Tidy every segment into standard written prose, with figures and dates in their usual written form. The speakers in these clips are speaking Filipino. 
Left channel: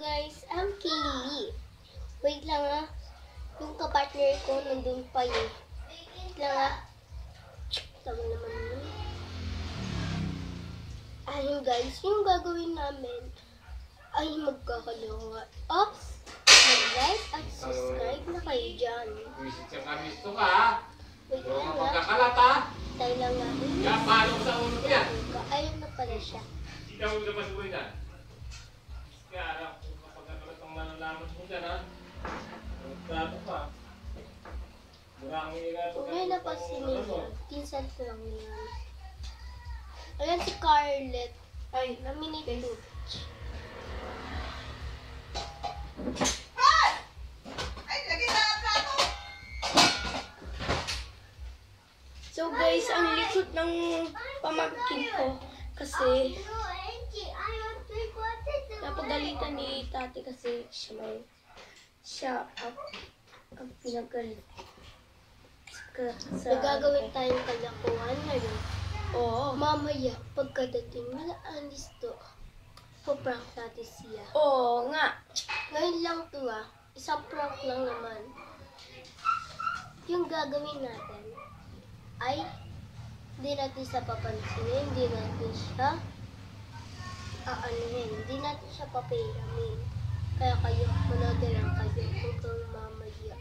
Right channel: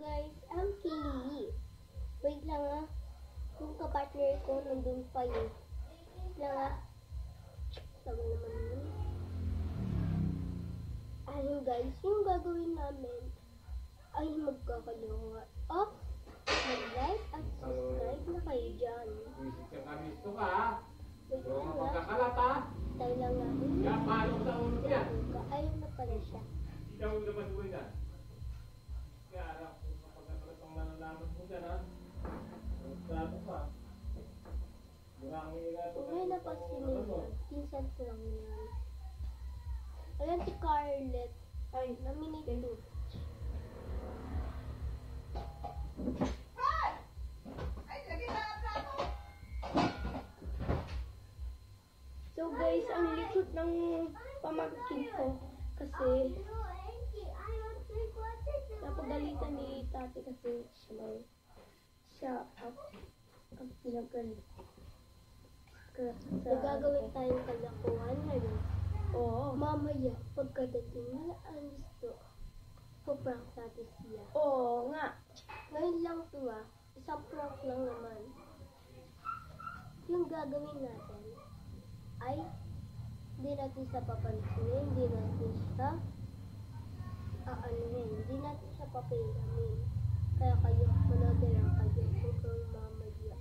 guys? I'm Kaylee. Wait lang ah. Yung kapartner ko nandun pa yun. Wait lang ah. Tama naman yun. Ayun guys, yung gagawin namin ay magkakalawa. Oops! Mag-like at subscribe na kayo dyan. Visit ka kami ito ka ha? Wait Huwag lang mo ah. pagkakalat ha? Tayo lang ah. Kaya paano sa ulo ko yan? Ayun na pala siya. Ikaw yung naman mo yan. Kaya alam kung kapagkakalat ang malalaman mo dyan ha? Magtrato pa. Maraming ilato. Kung may napasin niya, pinsan ko lang yan. Ayan si Scarlett. Ay, naminate ko. So guys, ang likot ng pamangkin ko kasi napagalitan ni tati kasi siya ang pinagalit. Nagagawin tayong kalakuhan ngayon. Oo. Mamaya, pagkadating nila alis to, prank natin siya. Oo nga. Ngayon lang to ah. Isang prank lang naman. Yung gagawin natin ay hindi natin siya papansinin, hindi natin siya aanuhin, hindi natin siya papiramin. Kaya kayo, manood na lang kayo hanggang mamaya.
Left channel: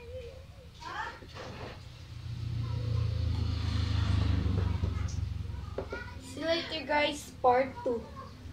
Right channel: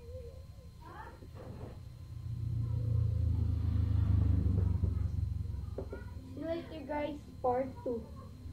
See you later guys, part 2.